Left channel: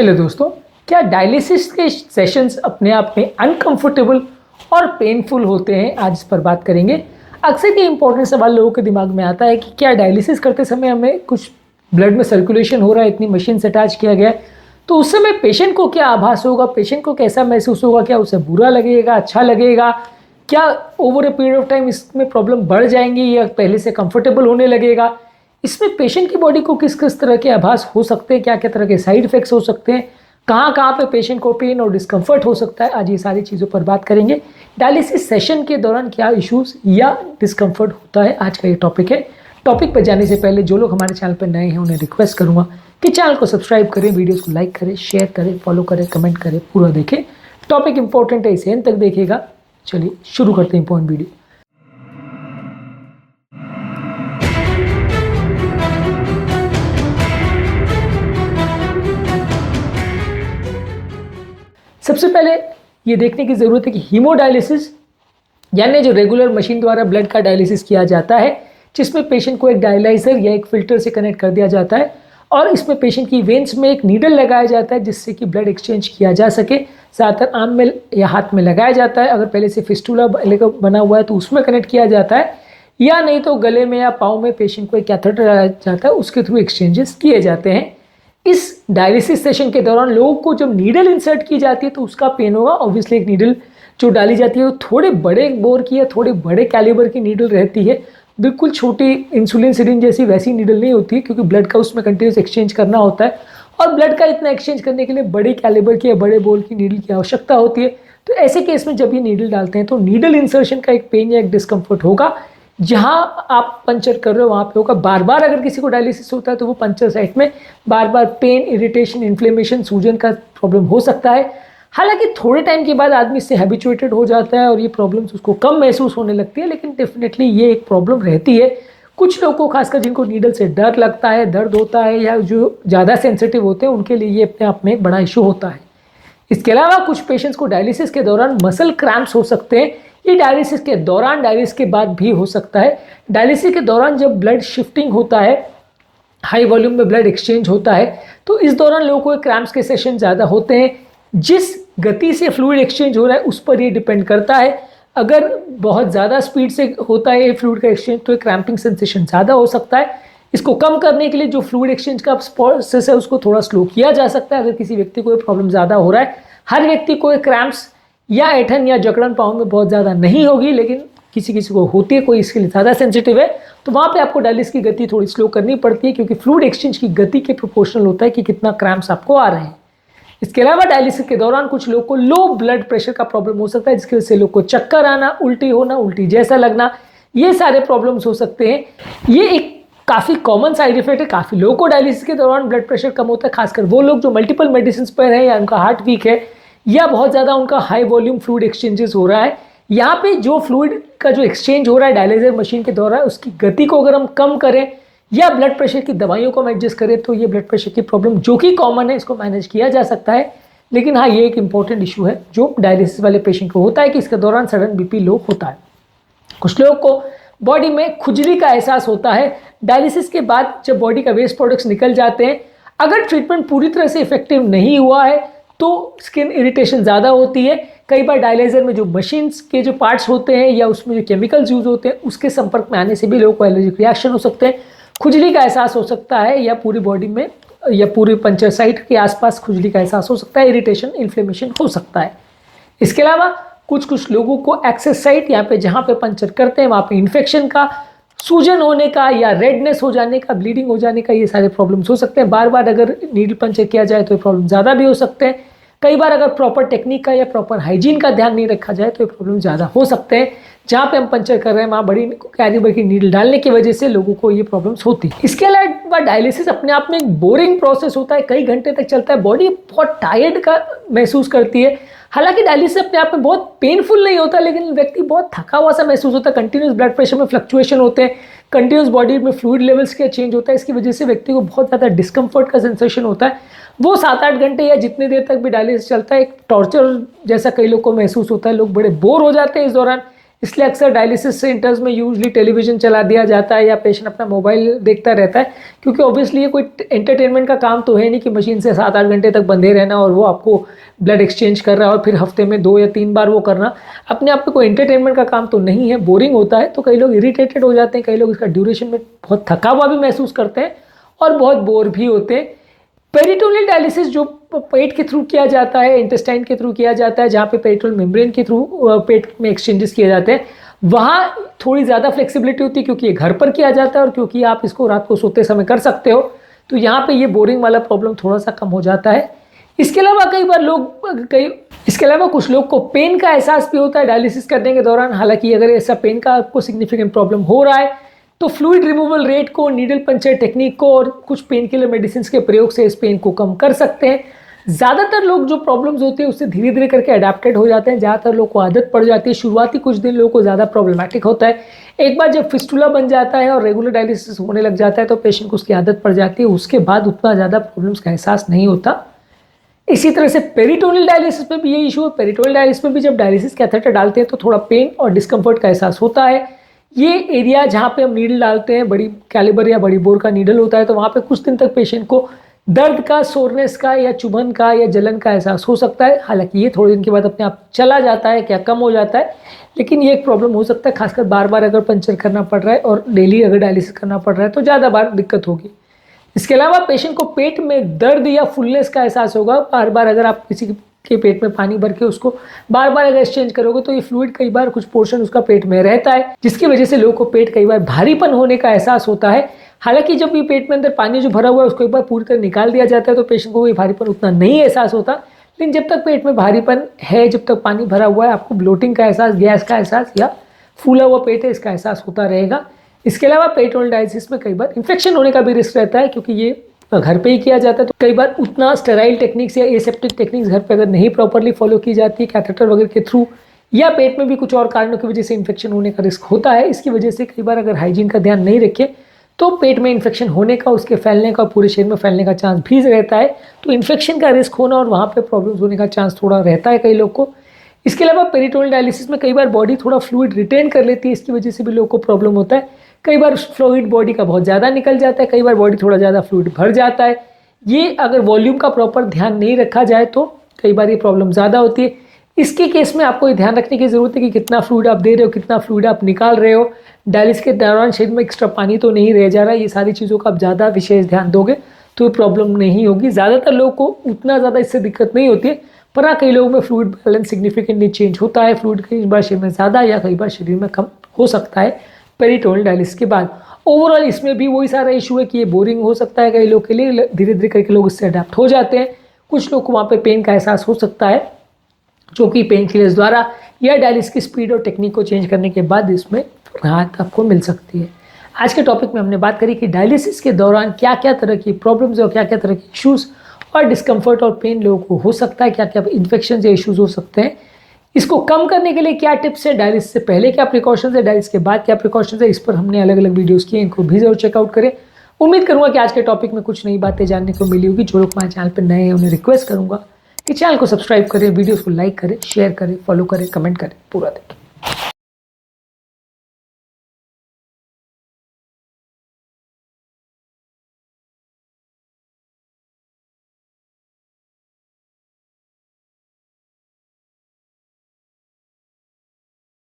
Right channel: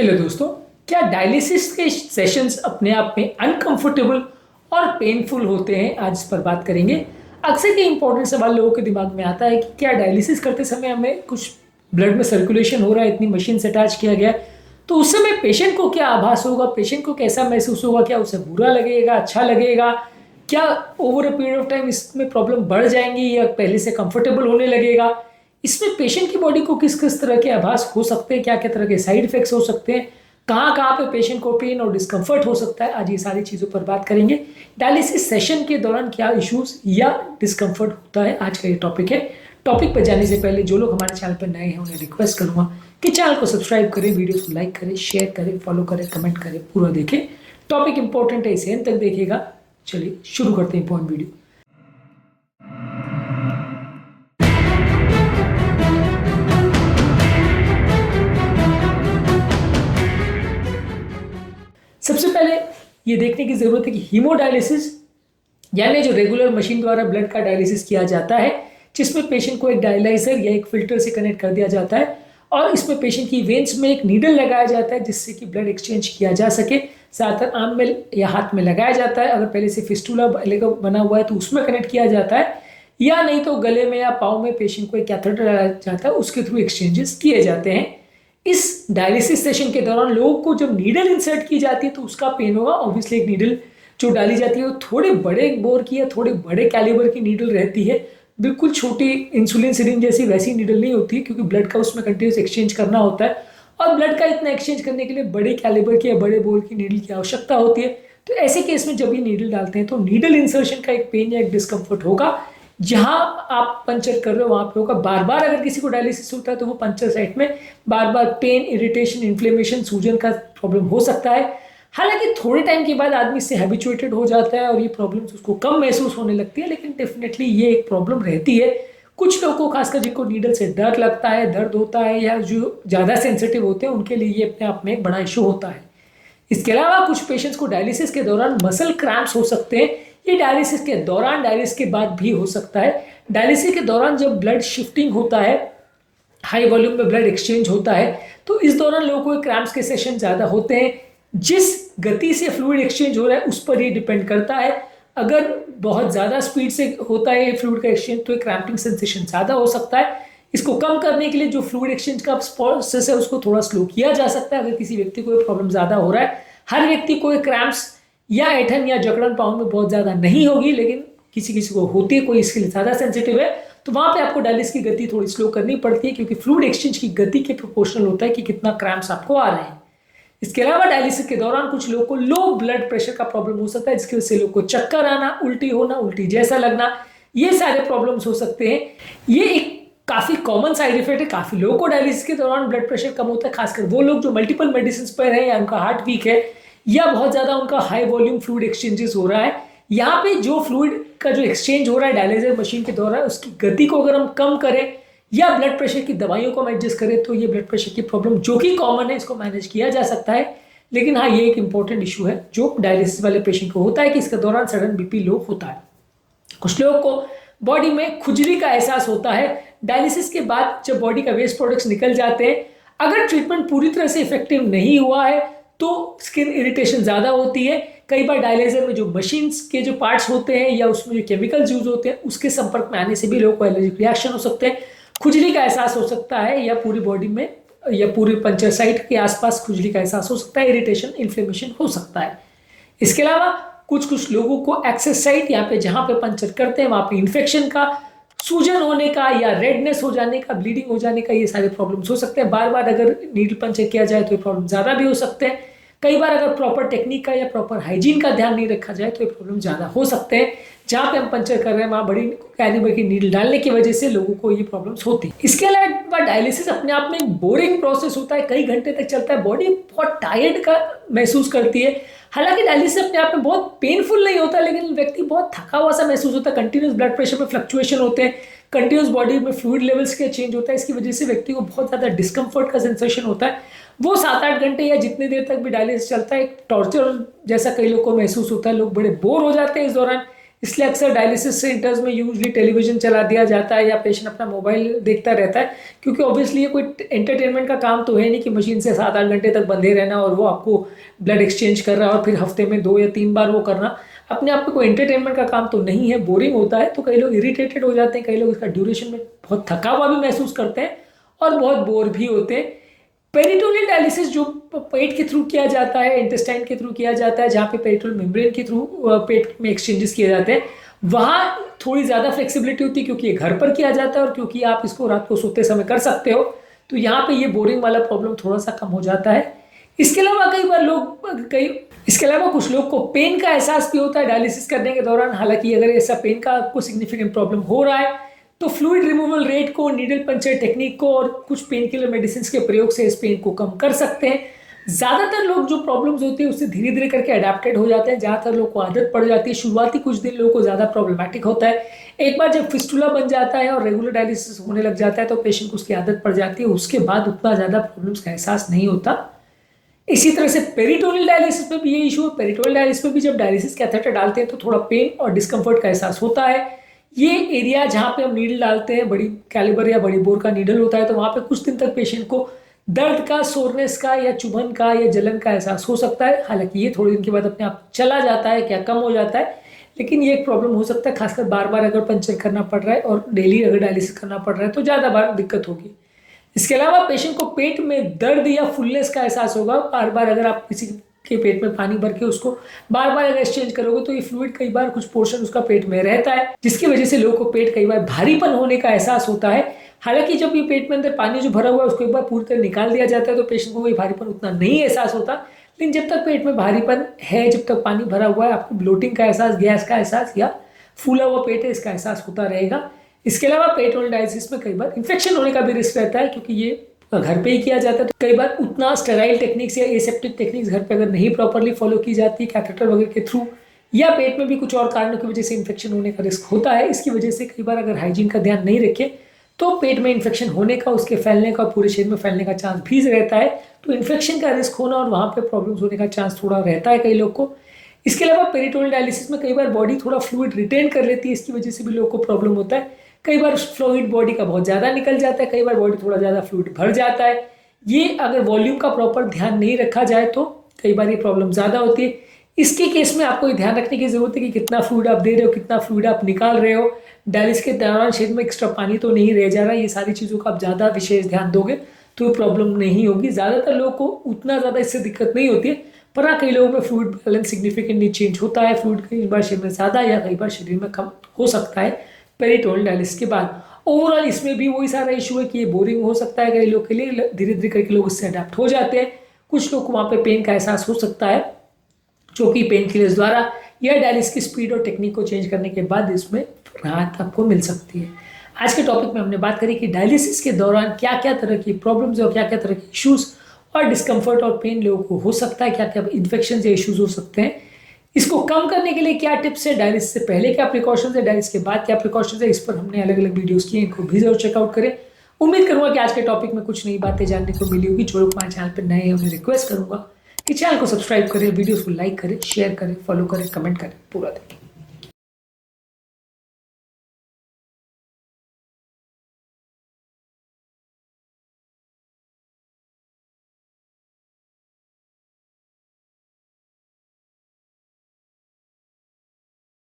Hello दोस्तों, क्या dialysis के सेशंस अपने आप में अनकंफर्टेबल और पेनफुल होते हैं? आज इस पर बात करेंगे। अक्सर ये इंपॉर्टेंट सवाल लोगों के दिमाग में आता है कि क्या डायलिसिस करते समय हमें कुछ ब्लड में सर्कुलेशन हो रहा है, इतनी मशीन से अटैच किया गया है, तो उस समय पेशेंट को क्या आभास होगा, पेशेंट को कैसा महसूस होगा, क्या उसे बुरा लगेगा, अच्छा लगेगा, क्या over a period of time इसमें प्रॉब्लम बढ़ जाएंगी या पहले से कंफर्टेबल होने लगेगा, इसमें पेशेंट की बॉडी को किस किस तरह के आभास हो सकते हैं, क्या क्या तरह के साइड इफेक्ट्स हो सकते हैं, कहाँ कहाँ पे पेशेंट को पेन और डिस्कम्फर्ट हो सकता है। आज ये सारी चीज़ों पर बात करेंगे। डायलिसिस सेशन के दौरान क्या इश्यूज या डिस्कम्फर्ट होता है, आज का ये टॉपिक है। टॉपिक पर जाने से पहले जो लोग हमारे चैनल पर नए हैं उन्हें रिक्वेस्ट करूँगा कि चैनल को सब्सक्राइब करें, वीडियोज़ को लाइक करें, शेयर करें, फॉलो करें, कमेंट करें, पूरा देखें। टॉपिक इंपॉर्टेंट है, इसे एंड तक देखिएगा। चलिए शुरू करते हैं इंपॉर्टेंट वीडियो। सबसे पहले ये देखने की ज़रूरत है कि हीमोडायलिसिस यानी जो रेगुलर मशीन द्वारा ब्लड का डायलिसिस किया जाता है, जिसमें पेशेंट को एक डायलाइजर या एक फिल्टर से कनेक्ट कर दिया जाता है और इसमें पेशेंट की वेन्स में एक नीडल लगाया जाता है जिससे कि ब्लड एक्सचेंज किया जा सके। ज़्यादातर आर्म में या हाथ में लगाया जाता है। अगर पहले से फिस्टूला बना हुआ है तो उसमें कनेक्ट किया जाता है, या नहीं तो गले में या पाँव में पेशेंट को एक कैथेटर लगाया जाता है, उसके थ्रू एक्सचेंजेस किए जाते हैं। इस डायलिसिस सेशन के दौरान लोगों को जब नीडल इंसर्ट की जाती है तो उसका पेन होगा। ऑब्वियसली एक नीडल जो डाली जाती है वो थोड़े बड़े बोर की या थोड़े बड़े कैलिबर की नीडल रहती है। बिल्कुल छोटी इंसुलिन सिरिंज जैसी वैसी नीडल नहीं होती है, क्योंकि ब्लड का उसमें कंटिन्यूस एक्सचेंज करना होता है और ब्लड का इतना एक्सचेंज करने के लिए बड़े कैलिबर की या बड़े बोर की नीडल की आवश्यकता होती है। तो ऐसे केस में जब ये नीडल डालते हैं तो नीडल इंसर्शन का एक पेन या एक डिस्कम्फर्ट होगा। जहां आप पंचर कर रहे हो वहां पे होगा। बार बार अगर किसी को डायलिसिस होता है तो वो पंचर साइट में बार बार पेन, इरिटेशन, इन्फ्लेमेशन, सूजन का प्रॉब्लम हो सकता है। हालांकि थोड़े टाइम के बाद आदमी इससे हैबिचुएटेड हो जाता है और ये प्रॉब्लम्स उसको कम महसूस होने लगती है, लेकिन डेफिनेटली ये एक प्रॉब्लम रहती है। कुछ लोगों को, खासकर जिनको नीडल से डर लगता है, दर्द होता है, या जो ज़्यादा सेंसिटिव होते हैं, उनके लिए ये अपने आप में एक बड़ा इशू होता है। इसके अलावा कुछ पेशेंट्स को डायलिसिस के दौरान मसल क्रैम्प्स हो सकते हैं। ये डायलिसिस के दौरान, डायलिसिस के बाद भी हो सकता है। डायलिसिस के दौरान जब ब्लड शिफ्टिंग होता है, हाई वॉल्यूम में ब्लड एक्सचेंज होता है, तो इस दौरान लोगों को क्रैम्प्स के सेशन ज़्यादा होते हैं। जिस गति से फ्लूइड एक्सचेंज हो रहा है उस पर ये डिपेंड करता है। अगर बहुत ज़्यादा स्पीड से होता है फ्लूइड का एक्सचेंज तो क्रैम्पिंग सेंसेशन ज़्यादा हो सकता है। इसको कम करने के लिए जो फ्लूइड एक्सचेंज का प्रोसेस है उसको थोड़ा स्लो किया जा सकता है। अगर किसी व्यक्ति को प्रॉब्लम ज़्यादा हो रहा है, हर व्यक्ति को क्रैम्प्स या ऐठन या जकड़न पाँव में बहुत ज़्यादा नहीं होगी, लेकिन किसी किसी को होती है, कोई इसके लिए ज़्यादा सेंसिटिव है, तो वहाँ पे आपको डायलिसिस की गति थोड़ी स्लो करनी पड़ती है, क्योंकि फ्लूइड एक्सचेंज की गति के प्रोपोर्शनल होता है कि कितना क्रैम्प्स आपको आ रहे हैं। इसके अलावा डायलिसिस के दौरान कुछ लोगों को लो ब्लड प्रेशर का प्रॉब्लम हो सकता है, जिसकी वजह से लोग को चक्कर आना, उल्टी होना, उल्टी जैसा लगना, ये सारे प्रॉब्लम्स हो सकते हैं। ये एक काफ़ी कॉमन साइड इफेक्ट है। काफ़ी लोगों को डायलिसिस के दौरान ब्लड प्रेशर कम होता है, खासकर वो लोग जो मल्टीपल मेडिसिन पर है, या उनका हार्ट वीक है, या बहुत ज़्यादा उनका हाई वॉल्यूम फ्लूइड एक्सचेंजेस हो रहा है। यहाँ पे जो फ्लूइड का जो एक्सचेंज हो रहा है डायलिसिस मशीन के दौरान, उसकी गति को अगर हम कम करें या ब्लड प्रेशर की दवाइयों को हम एडजस्ट करें तो ये ब्लड प्रेशर की प्रॉब्लम जो कि कॉमन है, इसको मैनेज किया जा सकता है। लेकिन हाँ, ये एक इंपॉर्टेंट इशू है जो डायलिसिस वाले पेशेंट को होता है कि इसके दौरान सडन बीपी लो होता है। कुछ लोगों को बॉडी में खुजली का एहसास होता है। डायलिसिस के बाद जब बॉडी का वेस्ट प्रोडक्ट्स निकल जाते हैं, अगर ट्रीटमेंट पूरी तरह से इफेक्टिव नहीं हुआ है तो स्किन इरिटेशन ज़्यादा होती है। कई बार डायलाइजर में जो मशीन्स के जो पार्ट्स होते हैं या उसमें जो केमिकल्स यूज होते हैं उसके संपर्क में आने से भी लोगों को एलर्जिक रिएक्शन हो सकते हैं। खुजली का एहसास हो सकता है, या पूरी बॉडी में या पूरे पंचर साइट के आसपास खुजली का एहसास हो सकता है, इरिटेशन, इन्फ्लेमेशन हो सकता है। इसके अलावा कुछ लोगों को एक्सेस साइट, यहाँ पे जहाँ पे पंचर करते हैं वहाँ पे इन्फेक्शन का, सूजन होने का, या रेडनेस हो जाने का, ब्लीडिंग हो जाने का, ये सारे प्रॉब्लम्स हो सकते हैं। बार बार अगर नीडल पंचर किया जाए तो ये प्रॉब्लम ज़्यादा भी हो सकते हैं। कई बार अगर प्रॉपर टेक्निक का या प्रॉपर हाइजीन का ध्यान नहीं रखा जाए तो ये प्रॉब्लम ज़्यादा हो सकते हैं। जहाँ पे हम पंचर कर रहे हैं वहाँ बड़ी कैलिबर की नीडल डालने की वजह से लोगों को ये प्रॉब्लम्स होती है। इसके अलावा डायलिसिस अपने आप में एक बोरिंग प्रोसेस होता है, कई घंटे तक चलता है, बॉडी बहुत टायर्ड का महसूस करती है। हालांकि डायलिसिस अपने आप में बहुत पेनफुल नहीं होता, लेकिन व्यक्ति बहुत थका हुआ सा महसूस होता है। कंटिन्यूस ब्लड प्रेशर में फ्लक्चुएशन होते हैं, कंटिन्यूस बॉडी में फ्लूइड लेवल्स का चेंज होता है। इसकी वजह से व्यक्ति को बहुत ज़्यादा डिस्कम्फर्ट का सेंसेशन होता है। वो 7-8 घंटे या जितनी देर तक भी डायलिसिस चलता है, एक टॉर्चर जैसा कई लोग को महसूस होता है। लोग बड़े बोर हो जाते हैं इस दौरान, इसलिए अक्सर डायलिसिस सेंटर्स में यूजली टेलीविजन चला दिया जाता है या पेशेंट अपना मोबाइल देखता रहता है, क्योंकि ऑब्वियसली ये कोई एंटरटेनमेंट का काम तो है नहीं कि मशीन से 7-8 घंटे तक बंधे रहना और वो आपको ब्लड एक्सचेंज कर रहा है और फिर हफ्ते में 2 या 3 बार वो करना अपने आप में कोई एंटरटेनमेंट का काम तो नहीं है, बोरिंग होता है। तो कई लोग इरिटेटेड हो जाते हैं, कई लोग इसका ड्यूरेशन में बहुत थका हुआ भी महसूस करते हैं और बहुत बोर भी होते हैं। पेरिटोनियल डायलिसिस जो पेट के थ्रू किया जाता है, इंटेस्टाइन के थ्रू किया जाता है, जहाँ पे पेरिटोनियल मेम्ब्रेन के थ्रू पेट में एक्सचेंजेस किए जाते हैं, वहाँ थोड़ी ज़्यादा फ्लेक्सिबिलिटी होती है क्योंकि ये घर पर किया जाता है और क्योंकि आप इसको रात को सोते समय कर सकते हो, तो यहाँ पे ये बोरिंग वाला प्रॉब्लम थोड़ा सा कम हो जाता है। इसके अलावा कुछ लोग को पेन का एहसास भी होता है डायलिसिस करने के दौरान। हालांकि अगर ऐसा पेन का आपको सिग्निफिकेंट प्रॉब्लम हो रहा है तो फ्लूइड रिमूवल रेट को, नीडल पंचर टेक्निक को और कुछ पेन किलर मेडिसिन के प्रयोग से इस पेन को कम कर सकते हैं। ज़्यादातर लोग जो प्रॉब्लम्स होती है उससे धीरे धीरे करके अडेप्टेड हो जाते हैं। ज़्यादातर लोग को आदत पड़ जाती है। शुरुआती कुछ दिन लोगों को ज़्यादा प्रॉब्लमेटिक होता है। एक बार जब फिस्टुला बन जाता है और रेगुलर डायलिसिस होने लग जाता है तो पेशेंट को उसकी आदत पड़ जाती है, उसके बाद उतना ज़्यादा प्रॉब्लम्स का एहसास नहीं होता। इसी तरह से पेरिटोनियल डायलिसिस में भी ये इशू है। पेरिटोनियल डायलिसिस में भी जब डायलिसिस कैथेटर डालते हैं तो थोड़ा पेन और डिस्कम्फर्ट का एहसास होता है। ये एरिया जहाँ पे हम नीडल डालते हैं, बड़ी कैलिबर या बड़ी बोर का नीडल होता है, तो वहाँ पे कुछ दिन तक पेशेंट को दर्द का, सोरनेस का या चुभन का या जलन का एहसास हो सकता है। हालांकि ये थोड़े दिन के बाद अपने आप चला जाता है, क्या कम हो जाता है, लेकिन ये एक प्रॉब्लम हो सकता है, खासकर बार बार अगर पंचर करना पड़ रहा है और डेली अगर डायलिसिस करना पड़ रहा है तो ज़्यादा बार दिक्कत होगी। इसके अलावा पेशेंट को पेट में दर्द या फुलनेस का एहसास होगा। बार बार अगर आप किसी के पेट में पानी भर के उसको बार बार अगर एक्सचेंज करोगे तो ये फ्लूइड कई बार कुछ पोर्शन उसका पेट में रहता है, जिसकी वजह से लोगों को पेट कई बार भारीपन होने का एहसास होता है। हालांकि जब ये पेट में अंदर पानी जो भरा हुआ है उसको एक बार पूरी कर निकाल दिया जाता है तो पेशेंट को ये भारीपन उतना नहीं एहसास होता। लेकिन जब तक पेट में भारीपन है, जब तक पानी भरा हुआ है, आपको ब्लोटिंग का एहसास, गैस का एहसास या फूला हुआ पेट है इसका एहसास होता रहेगा। इसके अलावा पेरिटोनियल डायलिसिस में कई बार इन्फेक्शन होने का भी रिस्क रहता है, क्योंकि ये घर पे ही किया जाता है तो कई बार उतना स्टेराइल टेक्निक्स या एसेप्टिक टेक्निक्स घर पे अगर नहीं प्रॉपरली फॉलो की जाती है कैथेटर वगैरह के थ्रू, या पेट में भी कुछ और कारणों की वजह से इन्फेक्शन होने का रिस्क होता है। इसकी वजह से कई बार अगर हाइजीन का ध्यान नहीं रखें तो पेट में इन्फेक्शन होने का, उसके फैलने का, पूरे शरीर में फैलने का चांस भी रहता है। तो इन्फेक्शन का रिस्क होना और वहाँ पे प्रॉब्लम्स होने का चांस थोड़ा रहता है कई लोग को। इसके अलावा पेरिटोनियल डायलिसिस में कई बार बॉडी थोड़ा फ्लूइड रिटेन कर लेती है, इसकी वजह से भी लोगों को प्रॉब्लम होता है। कई बार फ्लूइड बॉडी का बहुत ज़्यादा निकल जाता है, कई बार बॉडी थोड़ा ज़्यादा फ्लूइड भर जाता है। ये अगर वॉल्यूम का प्रॉपर ध्यान नहीं रखा जाए तो कई बार ये प्रॉब्लम ज़्यादा होती है। इसके केस में आपको ये ध्यान रखने की ज़रूरत है कि कितना फ्लूइड आप दे रहे हो, कितना फ्लूइड आप निकाल रहे हो, डायलिसिस के दौरान शरीर में एक्स्ट्रा पानी तो नहीं रह जा रहा है। ये सारी चीज़ों का आप ज़्यादा विशेष ध्यान दोगे तो ये प्रॉब्लम नहीं होगी। ज़्यादातर लोगों को उतना ज़्यादा इससे दिक्कत नहीं होती है, पर हाँ कई लोगों में फ्लूइड बैलेंस सिग्निफिकेंटली चेंज होता है। फ्लूइड कई बार शरीर में ज़्यादा या कई बार शरीर में कम हो सकता है पेरिटोनियल डायलिसिस के बाद। ओवरऑल इसमें भी वही सारा इशू है कि ये बोरिंग हो सकता है कई लोग के लिए, धीरे धीरे करके लोग इससे अडेप्ट हो जाते हैं। कुछ लोग को वहाँ पे पेन का एहसास हो सकता है, जो कि पेन किलर्स द्वारा या डायलिसिस की स्पीड और टेक्निक को चेंज करने के बाद इसमें राहत आपको मिल सकती है। आज के टॉपिक में हमने बात करी कि डायलिसिस के दौरान क्या क्या तरह की प्रॉब्लम्स और क्या क्या तरह के इश्यूज़ और डिस्कम्फर्ट और पेन लोगों को हो सकता है, क्या क्या इन्फेक्शन या इश्यूज़ हो सकते हैं। इसको कम करने के लिए क्या टिप्स है, डायलिसिस से पहले क्या प्रिकॉशंस है, डायलिसिस के बाद क्या प्रिकॉशंस है, इस पर हमने अलग अलग वीडियोस किए, इनको भी जरूर चेकआउट करें। उम्मीद करूंगा कि आज के टॉपिक में कुछ नई बातें जानने को मिली होगी। जो लोग हमारे चैनल पर नए हैं उन्हें रिक्वेस्ट करूंगा कि चैनल को सब्सक्राइब करें, वीडियोस को लाइक करें, शेयर करें, फॉलो करें, कमेंट करें, पूरा देखें।